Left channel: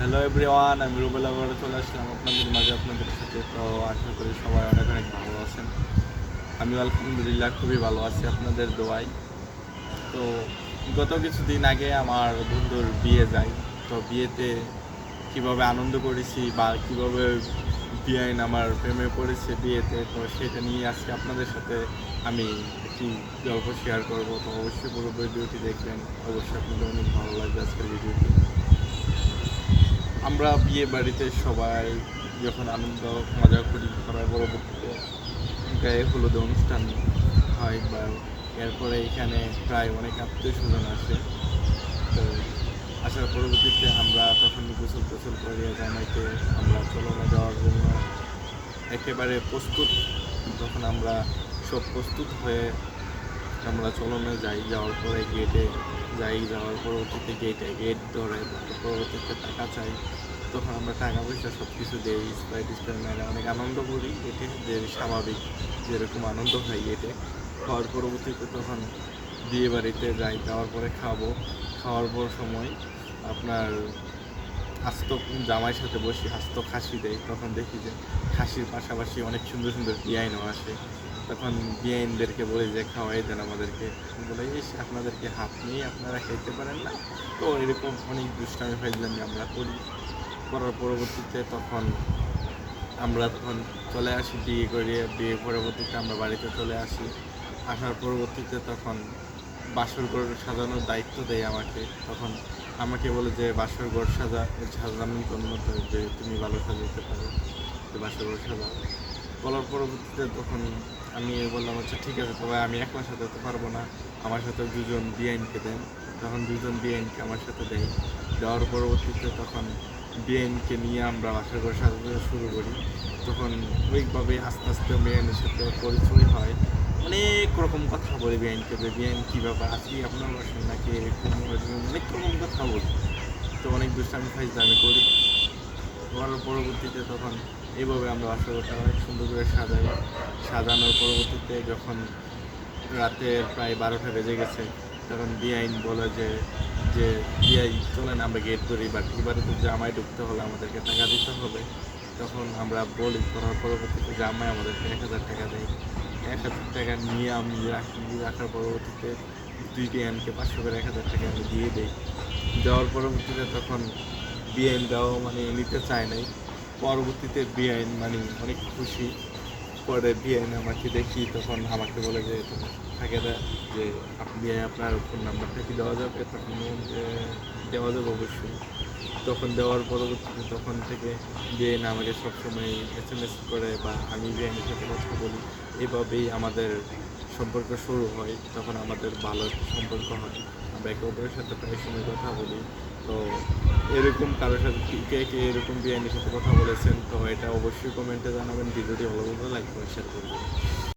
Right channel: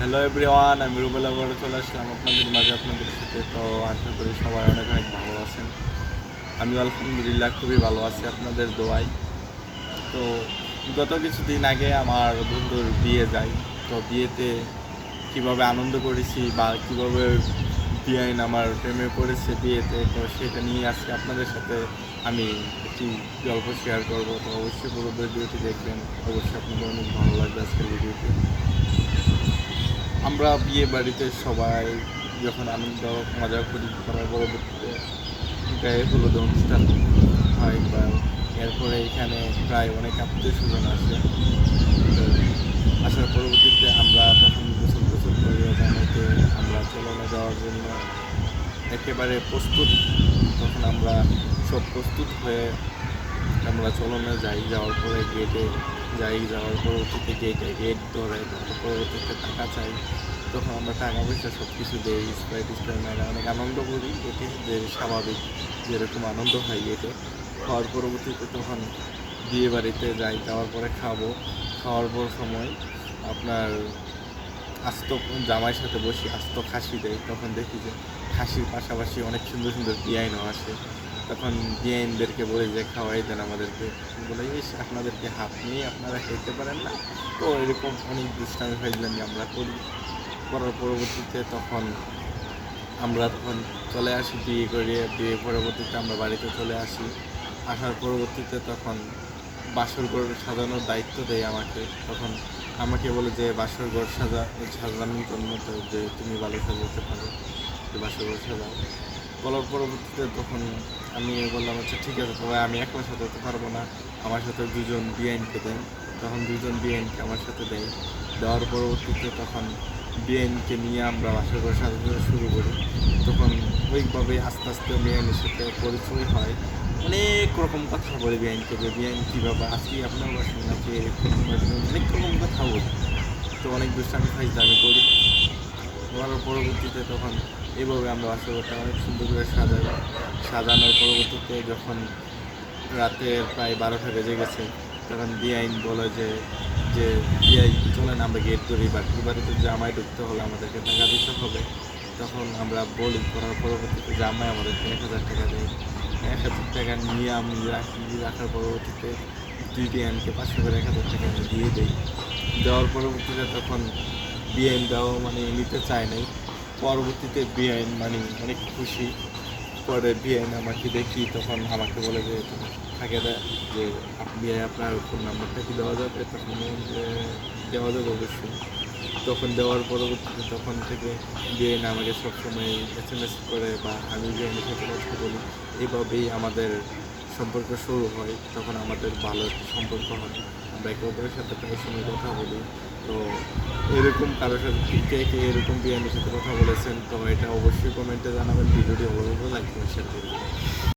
Hello everyone, আমি রুবেল আবার চলে আসলাম আপনাদের মাঝে আপনাদের সাথে। তো আশা করি সবাই অনেক অনেক ভালো আছেন। আমি আলহামদুলিল্লাহ খুবই ভালো আছি আপনাদের দোয়ায়। তো গত কিছুদিন আগে আমার বন্ধুর বিয়ে যায়। তো বিয়েতে কিভাবে আনন্দ করেছি বা কিভাবে বিয়াইন আমার প্রেমে পড়েছে বিয়েতে, তো সেটা নিয়ে আজকে আপনাদের সাথে আমি একটি গল্প শেয়ার করব। তো অবশ্যই পুরো ভিডিওটি দেখবেন, অবশ্যই আপনাদের অনেক ভালো লাগবে আজকের ভিডিওটি। আমরা বিয়ে বাড়িতে সবাই যখন আনন্দ মজা করি, করার পরবর্তীতে গায়ে হলুদ অনুষ্ঠান হয় বা এরপরে এখানে প্রায় অনেক আত্মীয় স্বজন আসে। তো আসার পরবর্তীতে আমরা তখন গোসল টোসল করে জানাইতে আমরা চলনে যাওয়ার জন্য একেবারে প্রস্তুত। তখন আমরা সব প্রস্তুত হয়ে আমরা চলনে যাই। যাওয়ার পরে গেটে যাই, যাওয়ার পরবর্তীতে গেট ধরে, তারপর পরবর্তীতে টাকা চাই। তখন আমরা টাকা পয়সা সব কিছু দিই, স্প্রাইট মেয়েরা অনেক আনন্দ করি এতে, যে স্বাভাবিক যেরকম আনন্দ হয় এতে। খাওয়ার পরবর্তীতে তখন বিয়ে বাড়িতে যাই, যাওয়ার পরে খাওয়ার পর সময় আপনার আস্ত জামাইয়ের সাথে বসি, আস্ত খাসি দেয়। তখন দেখি যে খাসির পাশাপাশি অনেক সুন্দর সুন্দর বিয়াইনও আসে। তখন বিয়াইনদেরকে বলে যে খাওয়াই দেন আমাদেরকে। বলে আপনাদেরকে হাত নিয়ে আপনারা খেতে পারেন না। তো এরকম অনেক দুষ্টামি ফাইজলামি আমরা করার পরবর্তীতে তখন চলে আসি বিয়ে পরবর্তীতে আমরা বাড়িতে চলে আসি। আসার পরবর্তীতে তখন বাসর ঘর সাজানোর দায়িত্ব দেয় আমাকে। তখন আমাকে বলে যে বাসর ঘর সাজানোর জন্য, তো যে তুমি ভালো সাজাতে পারো, যে বাসর ঘর সাজাও। বলার পরবর্তীতে তখন আমি বললাম আচ্ছা ঠিক আছে, তবে আমি একলা সাজাতে পারবো না, আমার সাথে দুজন বিআইনকে দেন। তখন দুজন বিআইনকে আমার সাথে দেয়। দেওয়ার পরবর্তীতে তখন বিআইনকে নিয়ে আমরা বাসর ঘর সাজাতে শুরু করি। তখন ওইভাবে আস্তে আস্তে বিআইনের সাথে পরিচয় হয়। অনেক রকম কথা বলি বিআইনকে, যে বিআইন কী ব্যাপার, আজকে আপনার বাসন নাকি, এরকম অনেক রকম কথা বলি। তো অনেক দুষ্টামি ফাইজলামি করি। করার পরবর্তীতে তখন এইভাবে আমরা বাসরঘরটা অনেক সুন্দর করে সাজানোর পরবর্তীতে যখন রাতের প্রায় 12টা বেজে গেছে, তখন বিআইন বলে যে যে বিআই চলেন আমরা গেট ধরি, বাট এবারে তো জামাই ঢুকতে হলে আমাদেরকে টাকা দিতে হবে। তখন আমরা বলি, করার পরবর্তীতে জামাই আমাদেরকে 1000 টাকা দেয়। 1000 টাকা নিয়ে আমি রাখার পরবর্তীতে দুই বিআইনকে 500 করে 1000 টাকা আমি দিয়ে দিই। দেওয়ার পরবর্তীতে তখন বিআইন দেওয়া মানে নিতে চায় নাই। পরবর্তীতে বিআইন মানে অনেক খুশি। পরে বিআইন আমাকে দেখি, তখন আমাকে বলে যে তখন থাকে যে বিআই আপনার ফোন নাম্বারটা কি দেওয়া যাবে? তখন যে দেওয়া যাবে অবশ্যই। তখন দেওয়ার পরবর্তীতে তখন থেকে বিআইন আমাকে সবসময় SMS করে বা আমি বিআইনের সাথে কথা বলি। এভাবেই আমাদের সম্পর্ক শুরু হয়। তখন আমাদের ভালো সম্পর্ক হয়, আমরা একে অপরের সাথে প্রায় সময় কথা বলি। তো এরকম কারোর সাথে কে এরকম বিআইনের সাথে কথা বলেছেন, তো এটা অবশ্যই কমেন্টে জানাবেন। ভিডিওটি ভালো লাগলে লাইক করে শেয়ার করে দেবেন।